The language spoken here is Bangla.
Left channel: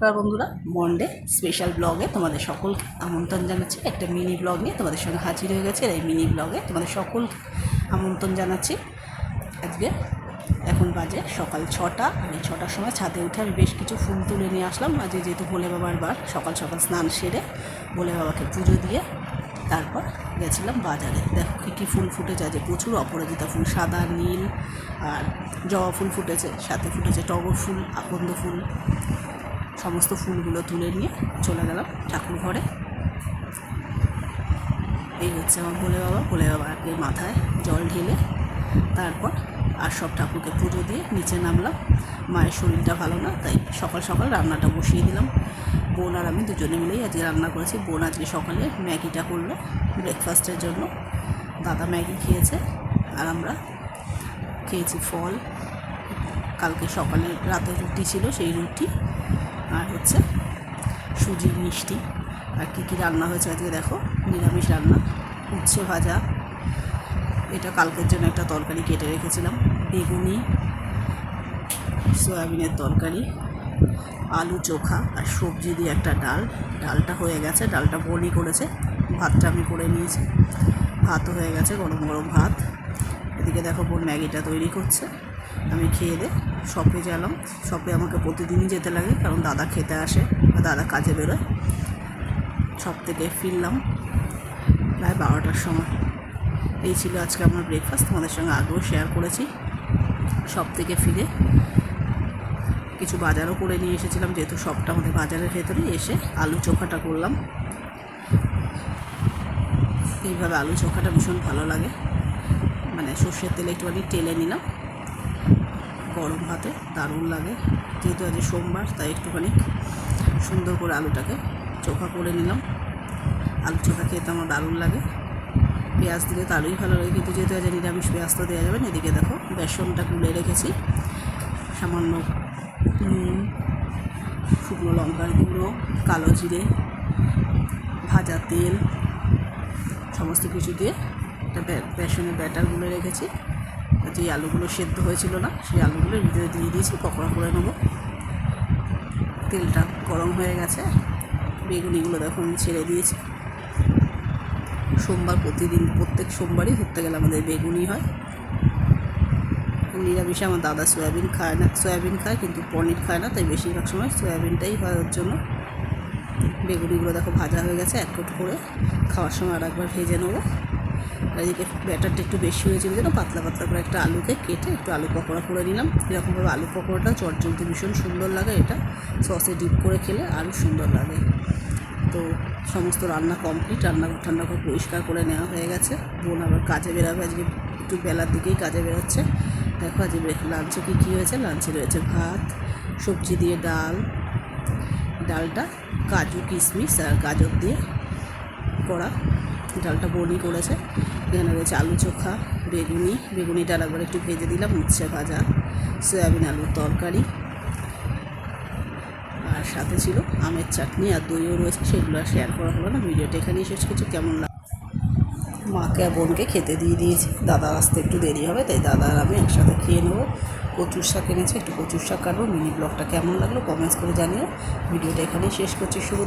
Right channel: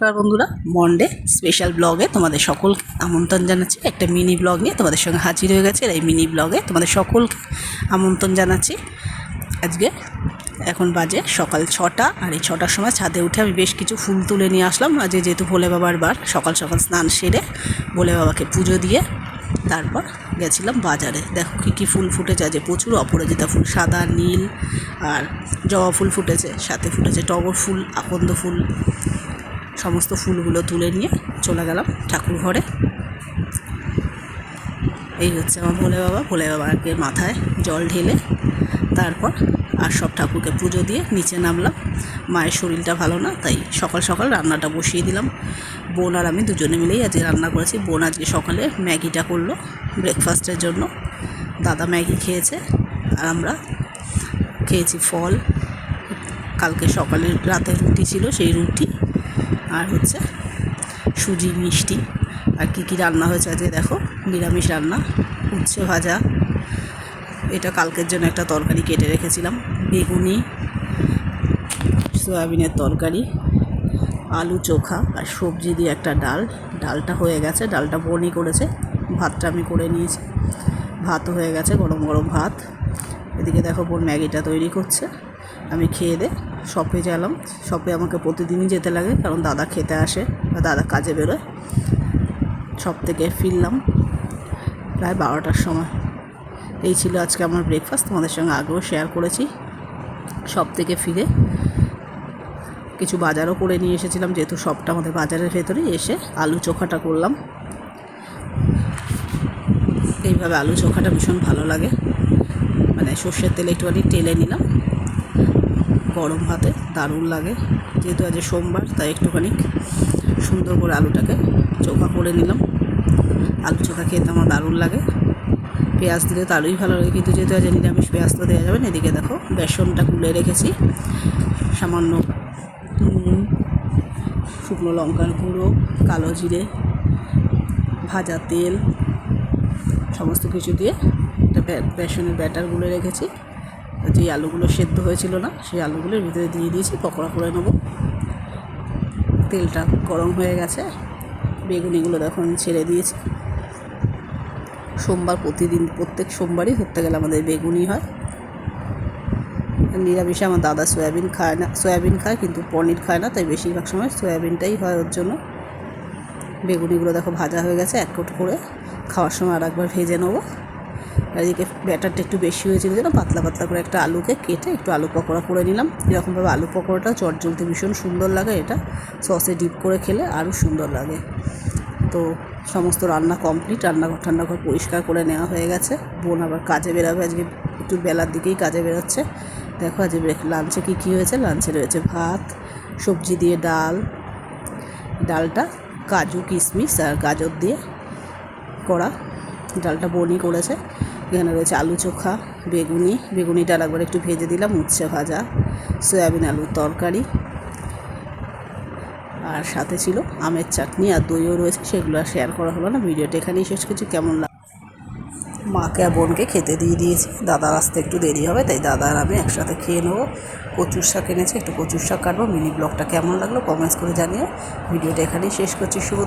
নমস্কার বন্ধুরা মন্ডে স্পেশাল ব্লগে তোমাদের সকল আমন্ত্রণ জানাচ্ছি। একটা মিনি ব্লগ নিয়ে তোমাদের সঙ্গে হাজির হয়ে গেছে এই মিনি ব্লগে তোমাদের সকলকে আমন্ত্রণ জানাচ্ছি। আজকে এখন বাজে সকাল ছটা আর এই ছটার সময় ছাদে উঠে আমি বেশ কিছু ফুল তুলে নিয়ে আসলাম। আজকে যেহেতু ভোলে বাবার বার, সকাল সকাল স্নান সেরে ভোলে বাবাকে পুজো দিয়ে তারপর গেছিলাম বাজারে। দেখো কী কী ফুল ফুটেছে আজ প্রচুর অপরাজিতা ফুল, সাদা, নীল আর জবা ফুল ফুটেছে, সাথে ফুটেছে টগর ফুল, আকন্দ ফুল সমস্ত ফুলগুলো তুলে নিয়ে চলে গেলাম ঠাকুর ঘরে। এই হচ্ছে আমার ভোলে বাবা। ভোলে বাবাকে মাথায় জল ঢেলে তারপর আর সব ঠাকুরকে পুজো দিয়ে নিচে নামলাম। মায়ের শরীরটা ভালো না, তাই সকাল সকাল রান্নাটা বসিয়ে দিলাম। বোন আর আমি দুজনে মিলেই আজকে রান্না করেছি। বোন আজকে সকালে ম্যাগিটা করল ব্রেকফাস্টের জন্য। দাদা ম্যাগি খেয়েছে আর আমরা খেয়েছি ফল। কালকে সকালে রাতের রুটি ছিল সেই রুটি। আর হচ্ছে সুজি মিষ্টি। আর কী কী রান্না হয়েছে আজকে দেখো? নিরামিষ রান্না, উচ্ছে ভাজা। এটা কালকের জন্য একটা তরকারি কেটে রেখেছিলাম। বেগুনি, সয়াবিনের তরকারি, আলু চোখা আর সবজি দিয়ে একটা ডাল। ডালটা হয়ে গেছে, ডালটা বনি করেছে। ভাতটা আমি করে নিয়েছি। ভাতও হয়ে গেছে, গরম গরম ভাত। এদিকে দেখো বোন ম্যাগিটা তৈরি করছে। আমি খেয়ে দে, শপে গেলাম। শপে আমাকে প্রতিদিনই যেতে লাগে, কারণ দাদা খেতে আসে বা দাদা কাজে বেরোয়। শপ থেকে ফিরলাম প্রায় বারোটার সময়। এই ছিল আজকে আমার ব্রেকফাস্ট তোমাদের সঙ্গে আগেও শেয়ার করেছি। শপ থেকে ফিরে কিছু বাজারও করে নিয়ে এসেছিলাম, যেহেতু সবটা আমাদের বাজারের ভেতরেই, এসে আলু চোখাটা করলাম। এইভাবে আলু চোখাটা ভীষণ ভালো লাগে। মানে সর্ষের তেলে একটুখানি তেলে নিলাম। গরম ভাতে, দারুণ লাগে। যেহেতু আজ সোমবার, তাই একটুখানি সুন্দর করে আলুটাকে চোখা করে নিলাম। আলু চোখা খেতে আমার দারুণ লাগে। পেঁয়াজ দিলে তারই ভালো লাগে, কিন্তু যেহেতু আজ নিরামিষ, পেঁয়াজ দেওয়া যাবে না, এদিকে দেখো, বেসনটা গুলে রেখেছি। সামান্য, নুন, শুকনো লঙ্কার গুঁড়ো, কালো জিরে, ভাজা তেল, সমস্ত কিছু দিয়ে একটা বেসনের ব্যাটার গুলে রেখেছি। যে আলুগুলো সেদ্ধ হয়েছিল না, সেই আলুগুলো ভিতরে দিয়ে দিয়েছি, পকোড়া করে নেব। তেলটা গরম হয়ে গেছে, বেগুনিগুলো দেখো আমি ছেড়ে দিয়েছি। সোমবার প্রতিদিন, প্রত্যেক সোমবারই ধরতে গেলে আমাদের বেগুনি হয়। নিরামিষে আমার দাদা সয়াবিন খায় না, সয়াবিন খায় কিন্তু পনির খায় না, তাই বেশিরভাগ সময় সয়াবিনটাই হয় ওর জন্য। বেগুনিগুলো দেখো ভাজা হয়ে গেছে, এক কোট করে। খাওয়ার সময় আর একবার ভেজে নেব। এদিকে ব্যাটারটা একটু বেশি হয়েছিল যেন পাতলা পাতলা করে একটা আলুকে কেটে একটু আলু পকোড়া করে নিলাম। এরকমভাবে আলু পকোড়াটা চট চটজলতে ভীষণ সুন্দর লাগে এটা। সসে ডিপ করে খেলে আরও সুন্দর লাগে। তো সমস্ত রান্না কমপ্লিট, রান্নাঘর ঠান্নাঘর পরিষ্কার করে নেওয়া হয়ে গেছে। বোন আবার কাজে বেরোবে, আজকে একটু বেলার দিকেই কাজে বেরোচ্ছে। দেখো আজকে লাঞ্চে কী কী হয়েছে? লাঞ্চে রয়েছে ভাত, সবজি দিয়ে ডাল, ডালটা কাজু, কিশমিশ আর গাজর দিয়ে করা। ডালটা বনি করেছে। এখানে রয়েছে আলু চোখা, বেগুনি। বেগুনি ডাল একবার একটু ভেজে দিলাম, উচ্ছে ভাজা, সয়াবিন আলুর তরকারি। আর সাথে ছিল আমের চাটনি আর দইও রয়েছে, সেগুলো আর শেয়ার করা হলো না। ভিডিওটা এখানেই শেষ কিছু কেমন লাগে মাকে আর বোনকে খেতে দিয়ে দিয়েছি। দাদার আসতে একটু দেরি হবে, তাই দাদা আর আমি একসাথে খেয়ে নেব। কচুর শাক এনেছে, একটু কচুর শাক কাটবো। মিনি ব্লগটা কেমন লাগল কমেন্টস করে জানিয়ে ভিডিওটা এখানেই শেষ করছি, শুভ